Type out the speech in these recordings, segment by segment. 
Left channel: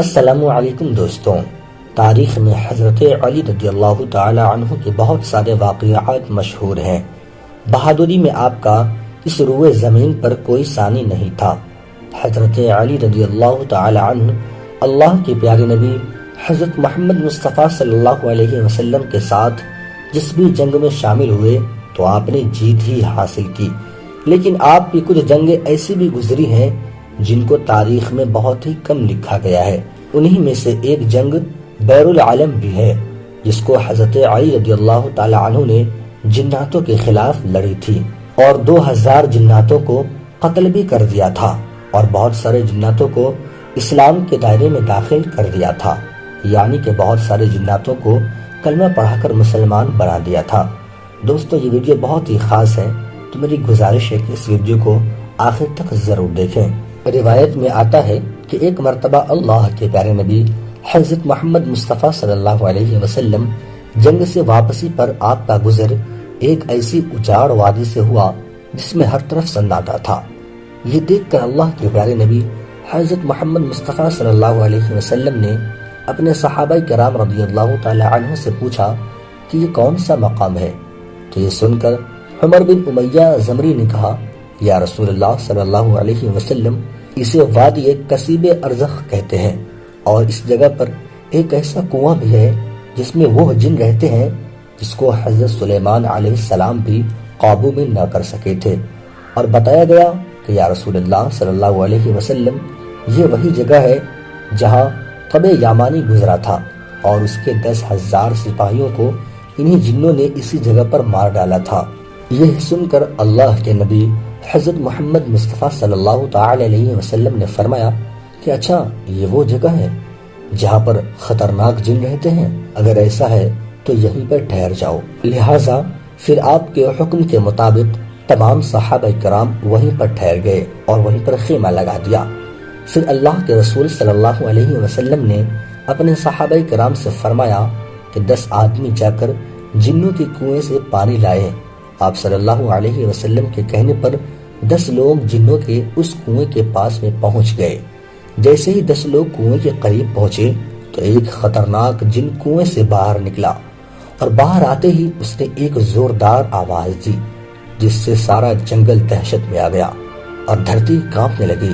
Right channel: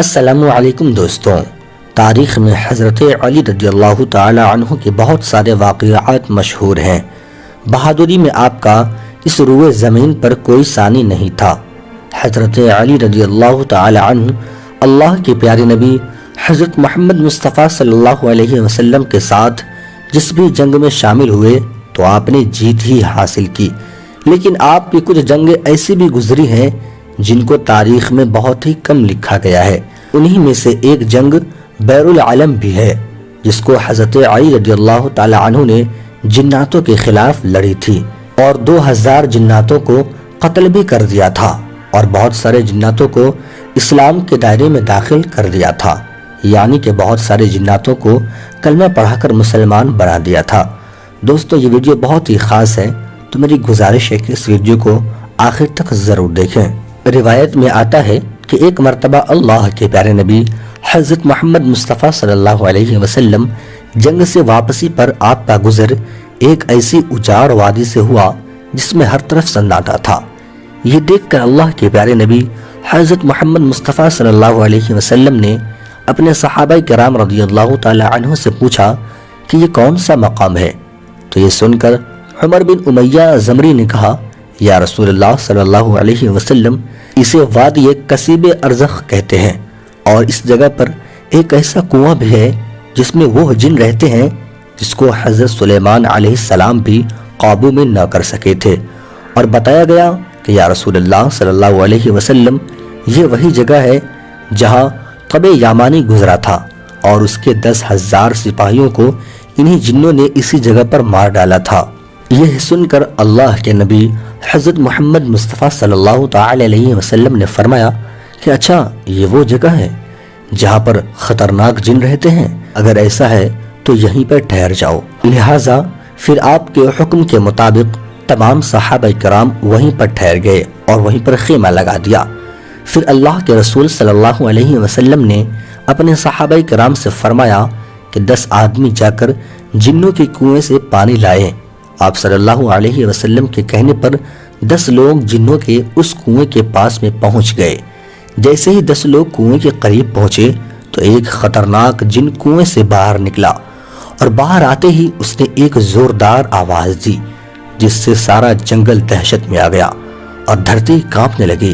السلام علیکم دوستوں، تاریخ میں حضرت علی رضی اللہ تعالی عنہ کے بہت سارے واقعات مشہور ہیں۔ بہادری میں آپ کا اس روئے زمین پر کوئی ثانی نہیں تھا۔ حضرت علی رضی اللہ تعالی عنہ اللہ کے پیارے نبی حضرت محمد مصطفیٰ صلی اللہ علیہ وسلم کے ساتھ جس بھی جنگ میں شامل ہوئے تو آپ نے جیت ہی حاصل کی، لیکن آپ کی کچھ جنگیں ایسی بھی گزری ہیں جن کو تاریخ میں بہت ہی کم لکھا گیا ہے۔ انہی میں سے ایک جنگ بیر العلم بھی ہے، جس کو حضرت علی رضی اللہ تعالی عنہ نے جناتوں کے خلاف لڑی تھی اور 2000 جناتوں کو قتل بھی کر دیا تھا اور بہت سارے جناتوں کو اسلام کے دائرے میں داخل کر دیا تھا، یعنی کہ بہت سارے جناتوں کو کلمہ پڑھا کر مسلمان بنا دیا تھا۔ دوستو، یہ ویڈیو بہت ہی خاص ہے، تو میری گزارش ہے کہ اس ویڈیو کو آخر تک ضرور دیکھیں۔ روایت میں آتا ہے کہ ایک مرتبہ اللہ کے پیارے نبی حضرت محمد مصطفیٰ صلی اللہ علیہ وسلم جنگ سے واپسی پر آپ کا گزر ایک ایسی اجاڑ وادی سے ہوا جس میں ہر طرف سناٹا تھا۔ یہ دیکھ کر اللہ کے پیارے نبی حضرت محمد مصطفیٰ صلی اللہ علیہ وسلم نے اپنے صحابہ کرام رضی اللہ تعالی عنہ سے پوچھا کہ یہ کون سا مقام ہے؟ تو یہ سن کر عمر بن امیہ زمری نے کہا، یا رسول اللہ صلی اللہ علیہ وسلم، اسے وادی کثیب ارزخ کہتے ہیں، اور اس جگہ پر ایک ایسا کنواں بھی ہے جس میں وہ جن رہتے ہیں جس کو حضرت سلیمان علیہ السلام بھی قابو میں نہ کر سکے تھے۔ اور بتایا گیا کہ یا رسول اللہ صلی اللہ علیہ وسلم، یہ وہی جگہ ہے جہاں قب یامانی گزرا تھا اور اس کے 10,000 سپاہیوں کو انہی جنوں نے اسی جگہ پر مار ڈالا تھا۔ یہ سن کر اللہ کے نبی حضرت محمد مصطفیٰ صلی اللہ تعالی علیہ وسلم نے فرمایا کہ اچھا، یہ وہ جگہ ہے جہاں پر خطرناک جن رہتے ہیں؟ اگر ایسا ہے تو یہیں پر ٹھہر جاؤ۔ لہٰذا پھر آپ کے حکم کے مطابق تمام صحابہ کرام وہیں پر ٹھہر گئے اور وہیں پر خیمہ لگا دیا۔ پھر اللہ کے رسول صلی اللہ علیہ وسلم نے اپنے صحابہ کرام سے فرمایا کہ 10 آدمی جا کر جنوں کے کنویں سے پانی لائے۔ آپ صلی اللہ علیہ وسلم کے کہنے پر 10 لوگ جنوں کے اس کنویں کے پاس میں پہنچ گئے۔ جیسے ہی 10 لوگ کنویں کے قریب پہنچے تو ایک خطرناک جن کنویں سے باہر نکلا، اور باہر آتے ہی اس نے ایک زوردار آواز دی جس سے سارا جنگل دہشت میں آ گیا اور دھرتی کانپنے لگی۔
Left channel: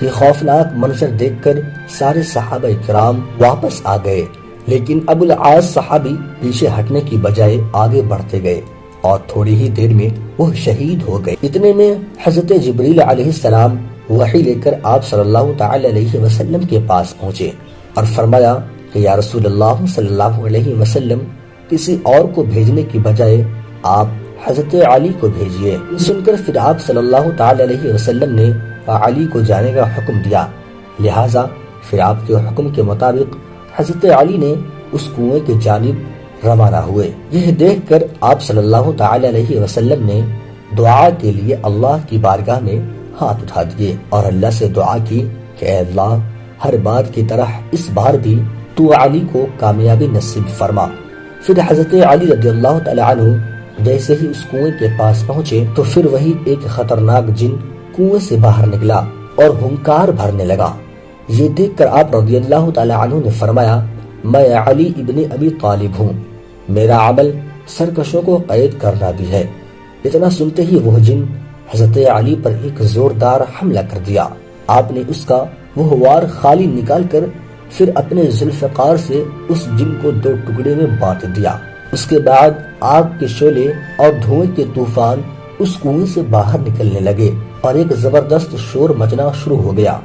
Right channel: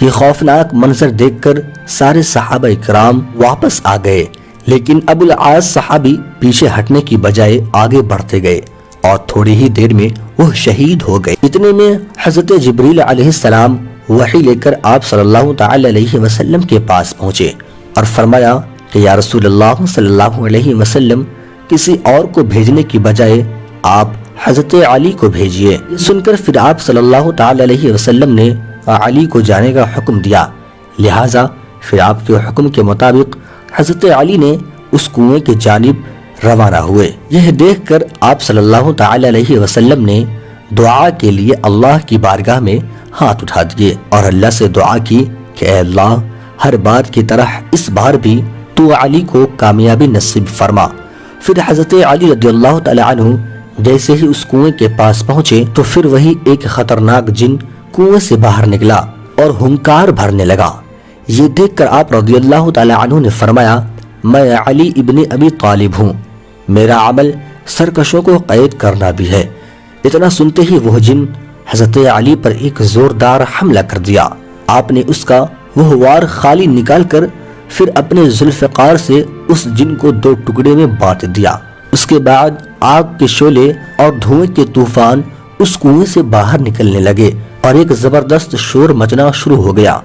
یہ خوفناک منظر دیکھ کر سارے صحابہ کرام واپس آ گئے، لیکن ابو العاص صحابی پیچھے ہٹنے کی بجائے آگے بڑھتے گئے اور تھوڑی ہی دیر میں وہ شہید ہو گئے۔ اتنے میں حضرت جبریل علیہ السلام وحی لے کر آپ صلی اللہ تعالی علیہ وسلم کے پاس پہنچے اور فرمایا کہ یا رسول اللہ صلی اللہ علیہ وسلم، کسی اور کو بھیجنے کی بجائے آپ حضرت علی کو بھیجئے۔ سن کر پھر آپ صلی اللہ تعالی علیہ وسلم نے علی کو جانے کا حکم دیا۔ لہٰذا پھر آپ کے حکم کے مطابق حضرت علی نے اس کنویں کی جانب روانہ ہوئے۔ یہ دیکھ کر آپ صلی اللہ تعالی علیہ وسلم نے دعا کے لیے اللہ کی بارگاہ میں ہاتھ اٹھا دیے اور اللہ سے دعا کی کہ اے اللہ، ہر بار کی طرح اس بار بھی تو علی کو کامیابی نصیب فرما۔ پھر حضرت علی رضی اللہ تعالی عنہ جیسے ہی اس کنویں کے پاس پہنچے تو پھر وہی ایک خطرناک جن کنویں سے باہر نکلا اور ہنکار بھرنے لگا۔ یہ دیکھ کر آپ رضی اللہ تعالی عنہ نے فرمایا، میں علی ابن ابی طالب ہوں، میرا عمل سرکشوں کو قید کرنا بھی ہے۔ اتنا سنتے ہی وہ جن حضرت علی پر ایک زوردار حملہ کر دیا۔ آپ نے اس کا وہ وار خالی نکال کر پھر اپنے ذوالفقار سے اس جن کو 2 ٹکڑے میں بانٹ دیا۔ اس کے بعد آگ کے شعلے اور دھوئیں کے طوفان اس کنویں سے باہر نکلنے لگے اور ایک زبردست شور مچنا شروع ہو گیا۔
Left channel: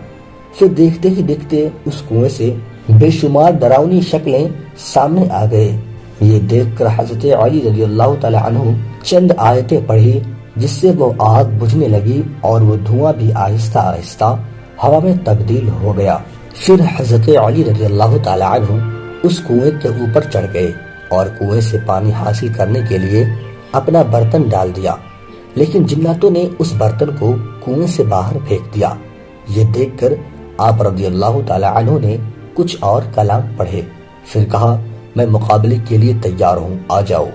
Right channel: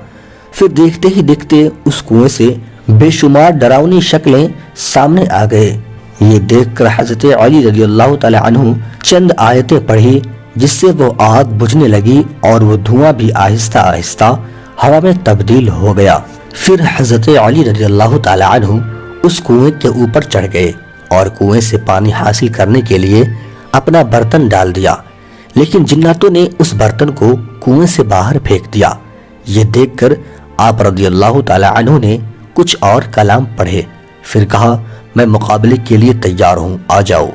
پھر دیکھتے ہی دیکھتے اس کنویں سے بے شمار ڈراؤنی شکلیں سامنے آ گئے۔ یہ دیکھ کر حضرت علی رضی اللہ تعالی عنہ چند آیتیں پڑھی جس سے وہ آگ بجھنے لگی اور وہ دھواں بھی آہستہ آہستہ ہوا میں تبدیل ہو گیا۔ پھر حضرت علی رضی اللہ تعالی عنہ اس کنویں کے اوپر چڑھ گئے اور کنویں سے پانی حاصل کرنے کے لیے اپنا برتن ڈال دیا، لیکن جناتوں نے اس برتن کو کنویں سے باہر پھینک دیا۔ یہ دیکھ کر آپ رضی اللہ تعالی عنہ نے کچھ اور کلام پڑھے، پھر کہا میں مقابلے کے لیے تیار ہوں، آ جاؤ۔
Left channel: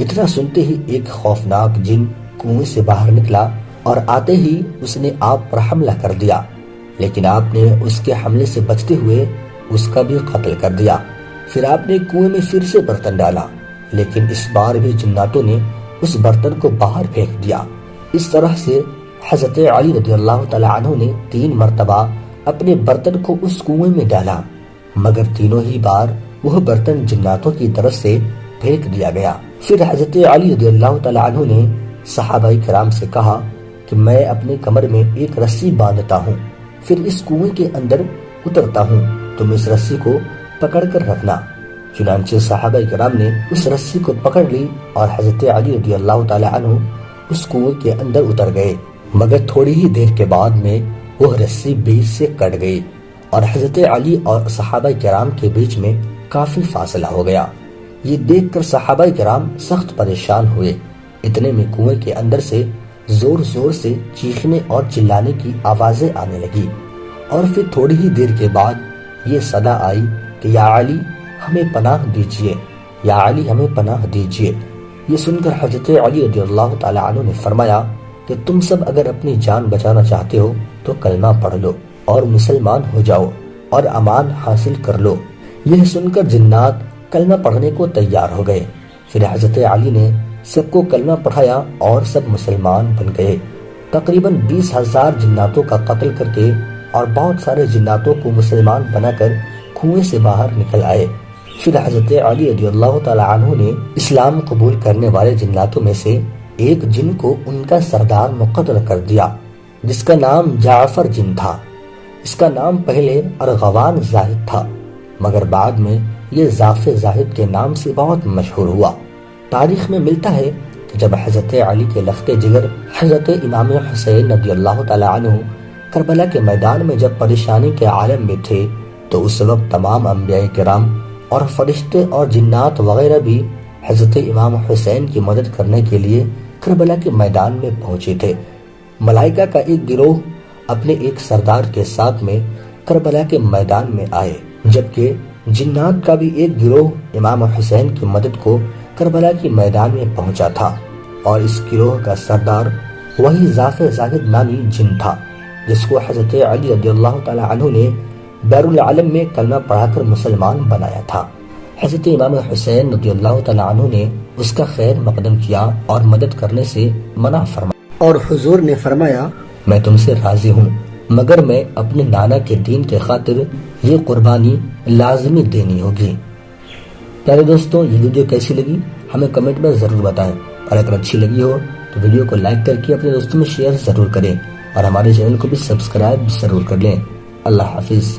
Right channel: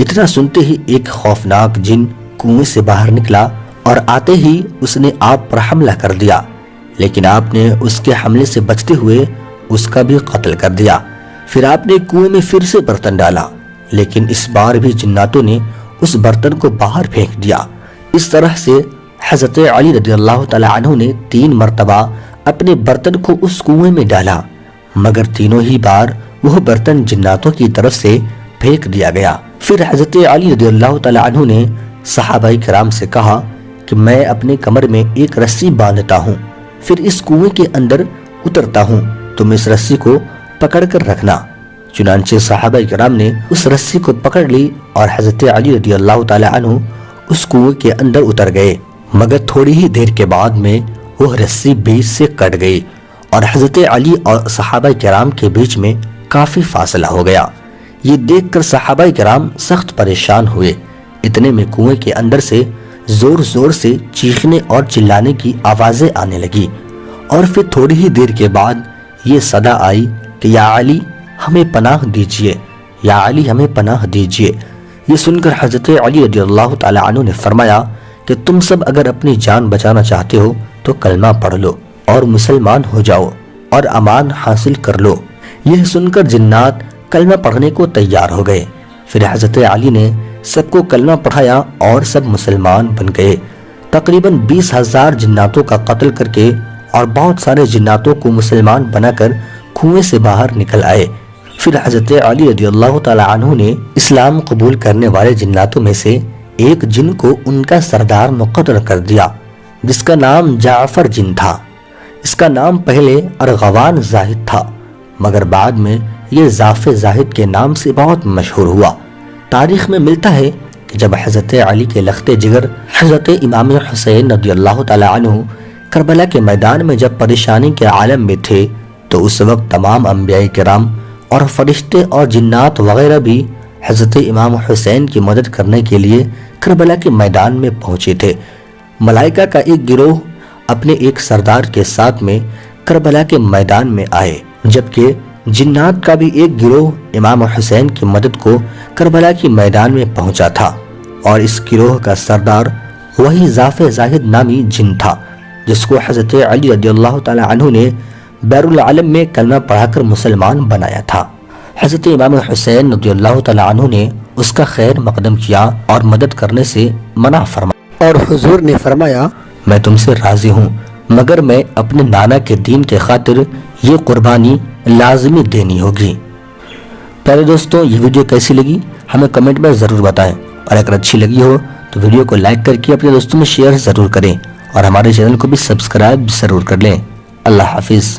اتنا سنتے ہی ایک خوفناک جن کنویں سے باہر نکلا اور آتے ہی اس نے آپ پر حملہ کر دیا، لیکن آپ نے اس کے حملے سے بچتے ہوئے اس کا بھی قتل کر دیا۔ پھر آپ نے کنویں میں پھر سے برتن ڈالا، لیکن اس بار بھی جناتوں نے اس برتن کو باہر پھینک دیا۔ اس طرح سے حضرت علی رضی اللہ تعالی عنہ نے 3 مرتبہ اپنے برتن کو اس کنویں میں ڈالا، مگر تینوں ہی بار وہ برتن جناتوں کی طرف سے پھینک دیا گیا۔ پھر حضرت علی رضی اللہ تعالی عنہ نے صحابہ کرام سے کہا کہ میں اپنے کمر میں ایک رسی باندھتا ہوں، پھر اس کنویں کے اندر اترتا ہوں، تم اس رسی کو پکڑ کر رکھنا۔ چنانچہ صحابہ کرام نے اس رسی کو پکڑ لی اور حضرت علی رضی اللہ تعالی عنہ اس کنویں کے اندر اتر گئے، مگر تھوڑی ہی دیر کے بعد میں وہ رسی بیچ سے کٹ گئی اور حضرت علی اور صحابہ کرام کے بیچ میں کافی فاصلہ ہو گیا۔ یہ دیکھ کر صحابہ کرام سخت پریشان ہوئے۔ اتنے میں کنویں کے اندر سے زور زور سے چیخنے اور چلانے کی آوازیں آنے لگی، اور پھر تھوڑی ہی دیر کے بعد یہ صدا آئی کہ یا علی ہمیں پناہ دیجئے، یا علی ہمیں پناہ دیجئے۔ یہ سن کر حضرت علی رضی اللہ تعالی عنہ نے فرمایا کہ تم سب اگر اپنی جان بچانا چاہتے ہو تو کلمہ پڑھ لو اور مسلمان ہو جاؤ اور امان حاصل کر لو۔ یہ سن کر جنات کلمہ پڑھنے کو تیار ہو گئے۔ پھر حضرت علی نے سب کو کلمہ پڑھایا اور سب مسلمان بن گئے۔ تقریباً 20,000 جناتوں کا قتل کر کے اور بہت سارے جناتوں کو مسلمان بنا کر کنویں سے باہر نکل آئے۔ پھر حضرت علی رضی اللہ تعالی عنہ نے اسلام قبول کرنے والے جناتوں میں سے ایک جن کو ان کا سردار مقرر کر دیا، جس کا نام جعفر جن تھا۔ اس کا نام پہلے ارغوان زاہد تھا، مگر بعد میں یہ ضعف زاہد کے نام سے بہت مشہور ہوا۔ تاریخ میں ملتا ہے کہ جب حضرت علی کے لخت جگر حضرت امام حسین رضی اللہ تعالی عنہ کربلا کے میدان میں جب پریشانی کے عالم میں تھے تو اس وقت تمام انبیاء کرام اور فرشتے اور جنات وغیرہ بھی حضرت امام حسین کی مدد کرنے کے لیے کربلا کے میدان میں پہنچے تھے۔ ملائکہ کا ایک گروہ اپنے ایک سردار کے ساتھ میں کربلا کے میدان میں آئے، جبکہ جنات کا بھی ایک گروہ امام حسین کی مدد کو کربلا کے میدان میں پہنچا تھا، اور اس گروہ کا سردار وہی ضعف زاہد نامی جن تھا جس کو حضرت علی رضی اللہ تعالی عنہ نے بیر العالم میں کلمہ پڑھا کر مسلمان بنایا تھا۔ حضرت امام حسین رضی اللہ تعالی عنہ نے اس کا خیر مقدم کیا اور مدد کرنے سے منع فرمایا، اور حضور نے فرمایا میں تم سے راضی ہوں، مگر میں اپنے نانا کے دین کے خاطر یہ قربانی لازمی دینی ہوگی۔ پیارے دوستوں، یہ ویڈیو کیسی لگی ہمیں کمنٹ میں ضرور بتائیں، اور اگر اچھی لگی ہو تو ویڈیو کو لائک کر کے اپنے دوستوں میں شیئر ضرور کریں، اور ہمارے چینل کو بھی سبسکرائب ضرور کر لیں۔ اللہ حافظ۔